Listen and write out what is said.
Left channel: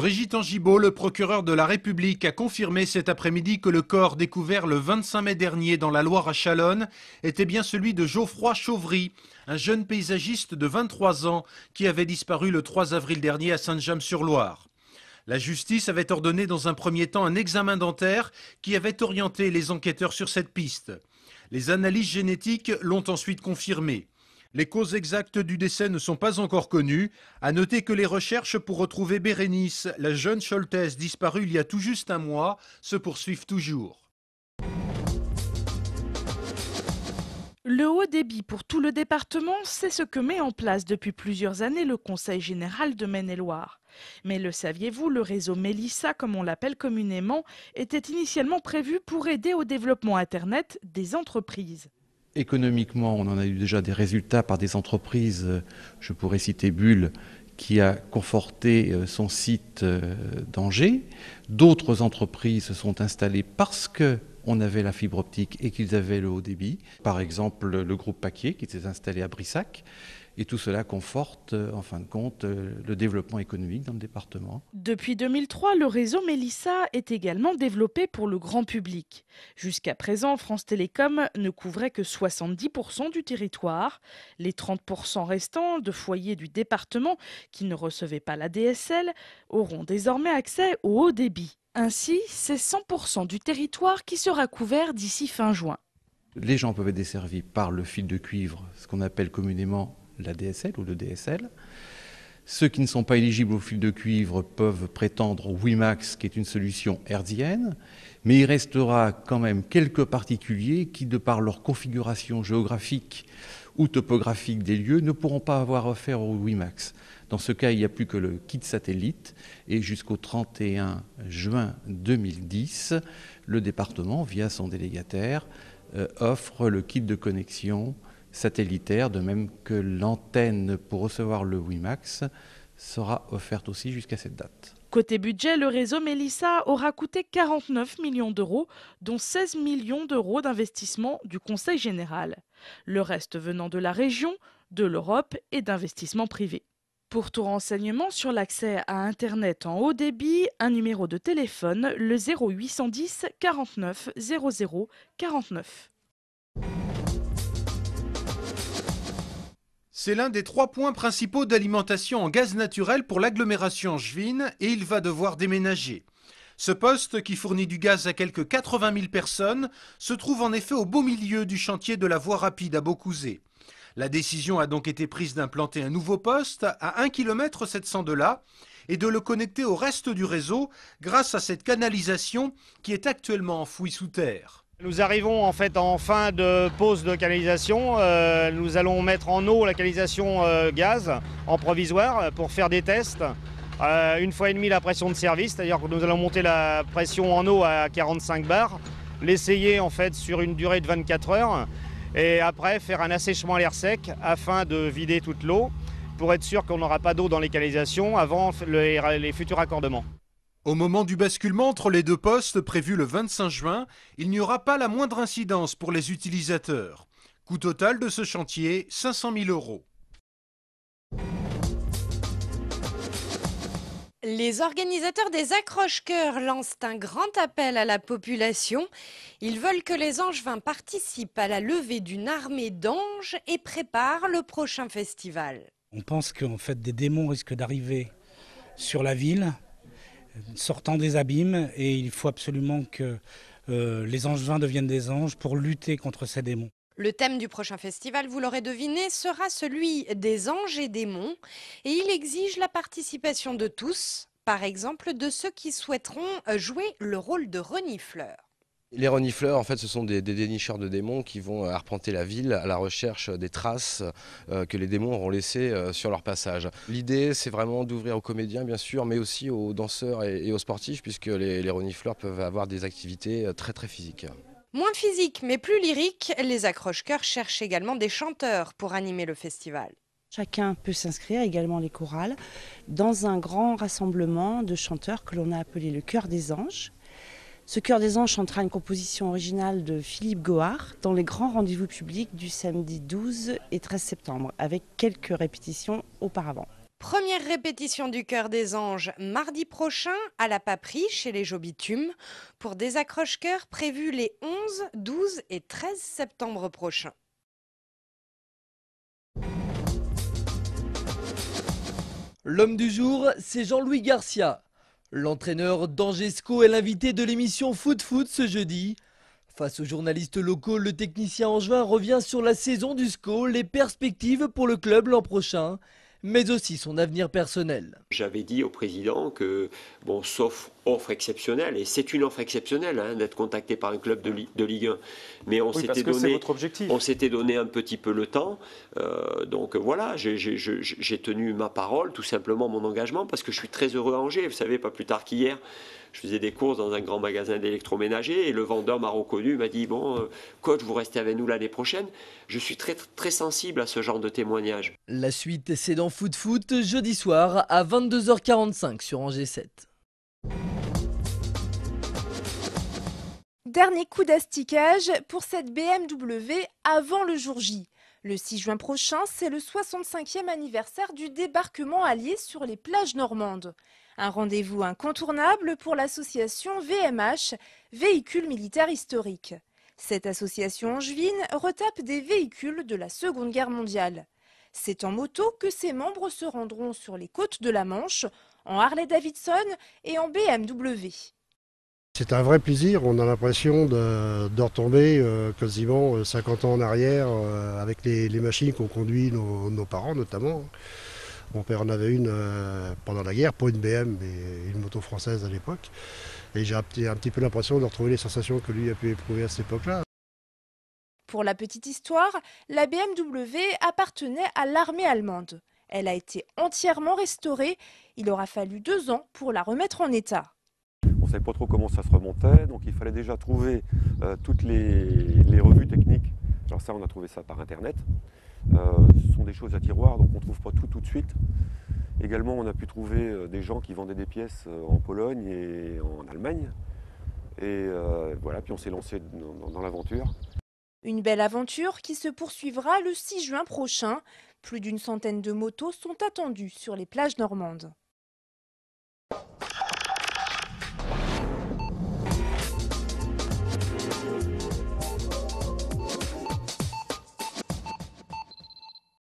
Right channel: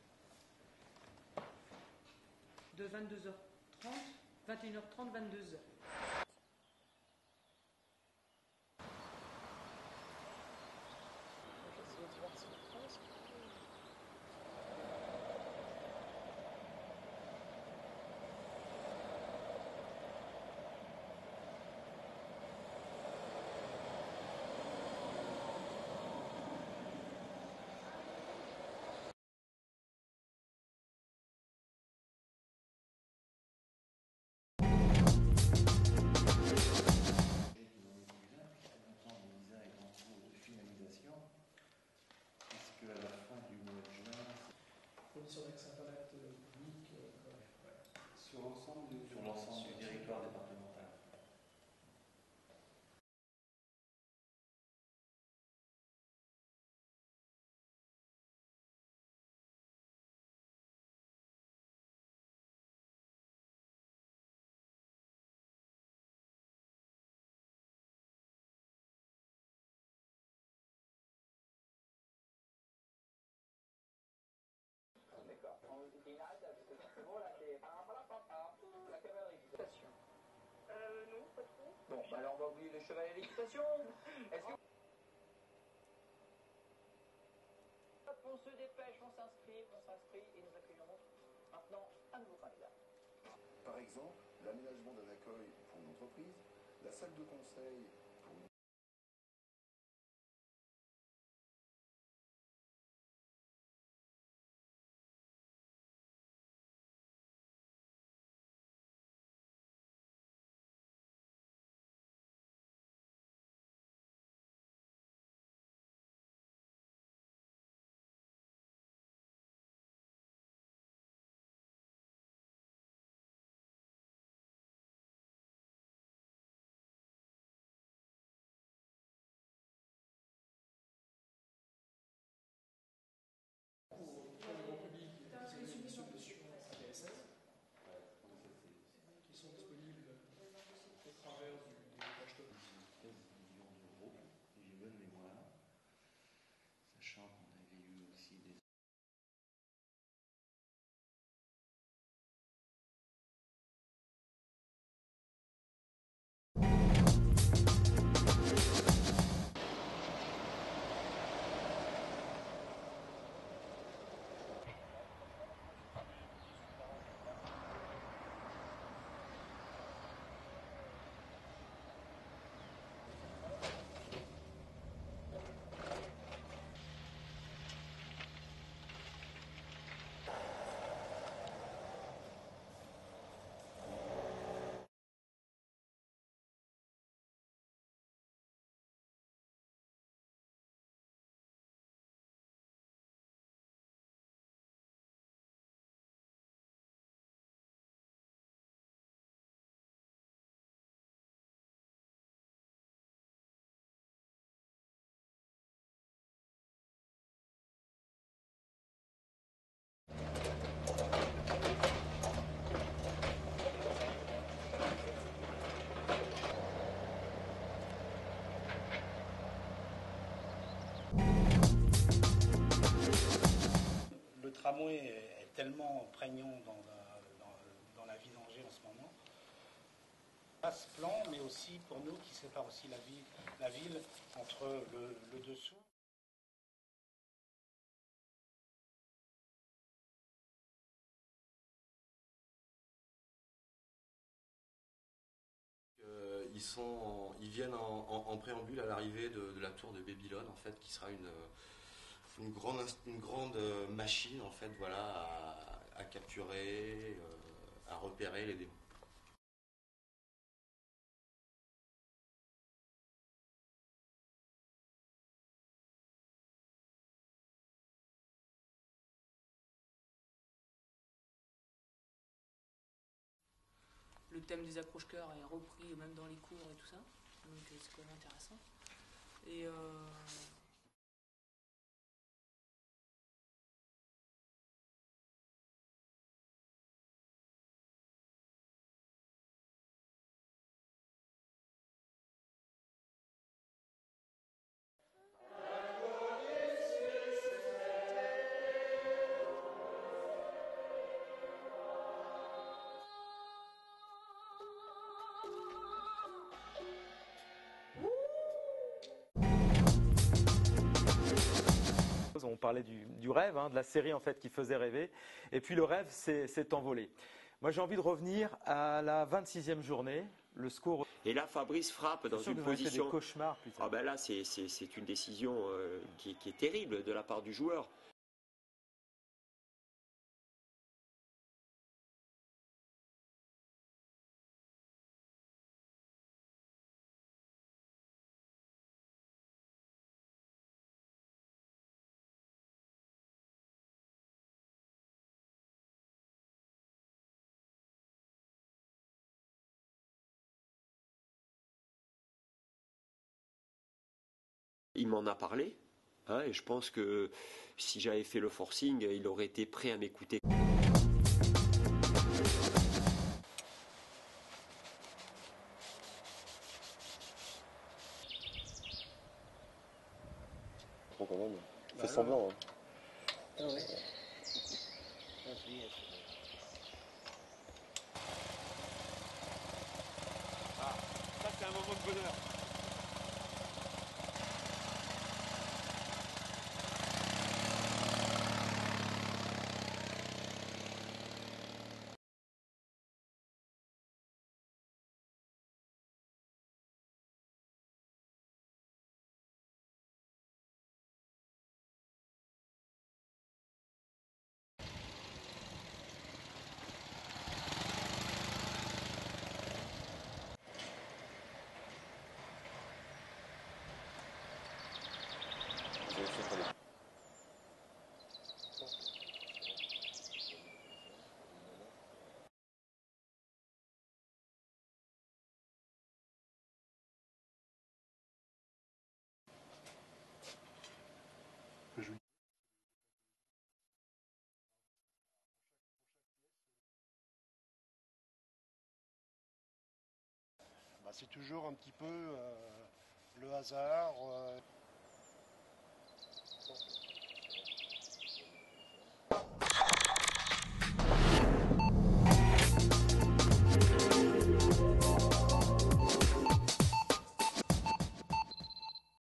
Brigitte Angibault, le procureur de la République, a confirmé cet après-midi que le corps découvert le 25 mai dernier dans la Loire à Chalonnes était bien celui de Geoffroy Chauvry, un jeune paysagiste de 23 ans qui avait disparu le 3 avril dernier à Saint-James-sur-Loire. La justice avait ordonné dans un premier temps un examen dentaire qui avait orienté les enquêteurs sur cette piste. Les analyses génétiques l'ont ensuite confirmé. Les causes exactes du décès ne sont pas encore connues. À noter que les recherches pour retrouver Bérénice, la jeune Choltaise disparue il y a tout juste un mois, se poursuivent toujours. Le haut débit pour tout le département, c'est ce que met en place depuis plusieurs années le Conseil général de Maine-et-Loire. Mais le saviez-vous, le réseau Mélissa, comme on l'appelle communément, était initialement prévu pour aider au développement Internet des entreprises. Économiquement, on en a eu déjà des résultats par des entreprises. Je pourrais citer Bull, qui a conforté son site d'Angers. D'autres entreprises se sont installées parce qu'on avait la fibre optique et qu'ils avaient le haut débit. Par exemple, le groupe Paquier qui s'est installé à Brissac. Et tout cela conforte, en fin de compte, le développement économique dans le département. Depuis 2003, le réseau Mélissa est également développé pour le grand public. Jusqu'à présent, France Télécom ne couvrait que 70% du territoire. Les 30% restants de foyers du département qui ne recevaient pas la DSL auront désormais accès au haut débit. Ainsi, c'est 100% du territoire qui sera couvert d'ici fin juin. Les gens peuvent être desservis par le fil de cuivre, ce qu'on appelle communément la DSL ou le DSL. Ceux qui ne sont pas éligibles au fil de cuivre peuvent prétendre au WiMAX, qui est une solution hertzienne, mais il restera quand même quelques particuliers qui, de par leur configuration géographique ou topographique des lieux, ne pourront pas avoir affaire au WiMAX. Dans ce cas, il n'y a plus que le kit satellite et jusqu'au 31 juin 2010, le département, via son délégataire, offre le kit de connexion satellitaire, de même que l'antenne pour recevoir le WiMAX sera offerte aussi jusqu'à cette date. Côté budget, le réseau Mélissa aura coûté 49 millions d'euros, dont 16 millions d'euros d'investissement du Conseil général. Le reste venant de la région, de l'Europe et d'investissements privés. Pour tout renseignement sur l'accès à Internet en haut débit, un numéro de téléphone, le 0810 49 00 49. C'est l'un des 3 points principaux d'alimentation en gaz naturel pour l'agglomération angevine et il va devoir déménager. Ce poste, qui fournit du gaz à quelques 80 000 personnes, se trouve en effet au beau milieu du chantier de la voie rapide à Beaucouzé. La décision a donc été prise d'implanter un nouveau poste à 1 km 700 de là et de le connecter au reste du réseau grâce à cette canalisation qui est actuellement enfouie sous terre. Nous arrivons en fait en fin de pause de canalisation. Nous allons mettre en eau la canalisation gaz en provisoire pour faire des tests. 1,5 fois la pression de service, c'est-à-dire que nous allons monter la pression en eau à 45 bars, l'essayer en fait sur une durée de 24 heures et après faire un assèchement à l'air sec afin de vider toute l'eau pour être sûr qu'on n'aura pas d'eau dans les canalisations avant les futurs raccordements. Au moment du basculement entre les 2 postes prévu le 25 juin, il n'y aura pas la moindre incidence pour les utilisateurs. Coût total de ce chantier, 500 000 euros. Les organisateurs des accroche-cœurs lancent un grand appel à la population. Ils veulent que les Angevins participent à la levée d'une armée d'anges et préparent le prochain festival. On pense qu'en fait des démons risquent d'arriver sur la ville, sortant des abîmes, et il faut absolument que les Angevins deviennent des anges pour lutter contre ces démons. Le thème du prochain festival, vous l'aurez deviné, sera celui des anges et démons. Et il exige la participation de tous, par exemple de ceux qui souhaiteront jouer le rôle de renifleurs. Les renifleurs, en fait, ce sont des dénicheurs de démons qui vont arpenter la ville à la recherche des traces que les démons auront laissées sur leur passage. L'idée, c'est vraiment d'ouvrir aux comédiens, bien sûr, mais aussi aux danseurs et aux sportifs, puisque les renifleurs peuvent avoir des activités très très physiques. Moins physiques, mais plus lyriques, les accroche-cœurs cherchent également des chanteurs pour animer le festival. Chacun peut s'inscrire, également les chorales, dans un grand rassemblement de chanteurs que l'on a appelé le Chœur des Anges. Ce Chœur des Anges chantera une composition originale de Philippe Gohard dans les grands rendez-vous publics du samedi 12 et 13 septembre, avec quelques répétitions auparavant. Première répétition du Chœur des Anges mardi prochain à la Paperie chez les Jobitumes pour des accroche-cœurs prévus les 11, 12 et 13 septembre prochains. L'homme du jour, c'est Jean-Louis Garcia. L'entraîneur d'Angesco est l'invité de l'émission Foot Foot ce jeudi. Face aux journalistes locaux, le technicien angevin revient sur la saison du SCO, les perspectives pour le club l'an prochain, mais aussi son avenir personnel. J'avais dit au président que, bon, sauf offre exceptionnelle, et c'est une offre exceptionnelle hein, d'être contacté par un club de Ligue 1, mais on s'était donné un petit peu le temps. Donc voilà, j'ai tenu ma parole, tout simplement mon engagement, parce que je suis très heureux à Angers. Vous savez, pas plus tard qu'hier, je faisais des courses dans un grand magasin d'électroménager et le vendeur m'a reconnu, m'a dit « Bon, coach, vous restez avec nous l'année prochaine ». Je suis très sensible à ce genre de témoignages. La suite, c'est dans Foot Foot, jeudi soir à 22h45 sur Angers 7. Dernier coup d'asticage pour cette BMW avant le jour J. Le 6 juin prochain, c'est le 65e anniversaire du débarquement allié sur les plages normandes. Un rendez-vous incontournable pour l'association VMH, Véhicules Militaires Historiques. Cette association angevine retape des véhicules de la Seconde Guerre mondiale. C'est en moto que ses membres se rendront sur les côtes de la Manche, en Harley-Davidson et en BMW. C'est un vrai plaisir, on a l'impression de retomber quasiment 50 ans en arrière avec les machines qu'ont conduit nos parents notamment. Mon père en avait une pendant la guerre, pas une BM mais une moto française à l'époque. Et j'ai un petit peu l'impression de retrouver les sensations que lui a pu éprouver à cette époque-là. Pour la petite histoire, la BMW appartenait à l'armée allemande. Elle a été entièrement restaurée. Il aura fallu 2 ans pour la remettre en état. On ne savait pas trop comment ça se remontait, donc il fallait déjà trouver toutes les revues techniques. Alors ça, on a trouvé ça par Internet. Ce sont des choses à tiroir, donc on ne trouve pas tout de suite. Également, on a pu trouver des gens qui vendaient des pièces en Pologne et en Allemagne. Et voilà, puis on s'est lancé dans l'aventure. Une belle aventure qui se poursuivra le 6 juin prochain. Plus d'100 de motos sont attendues sur les plages normandes.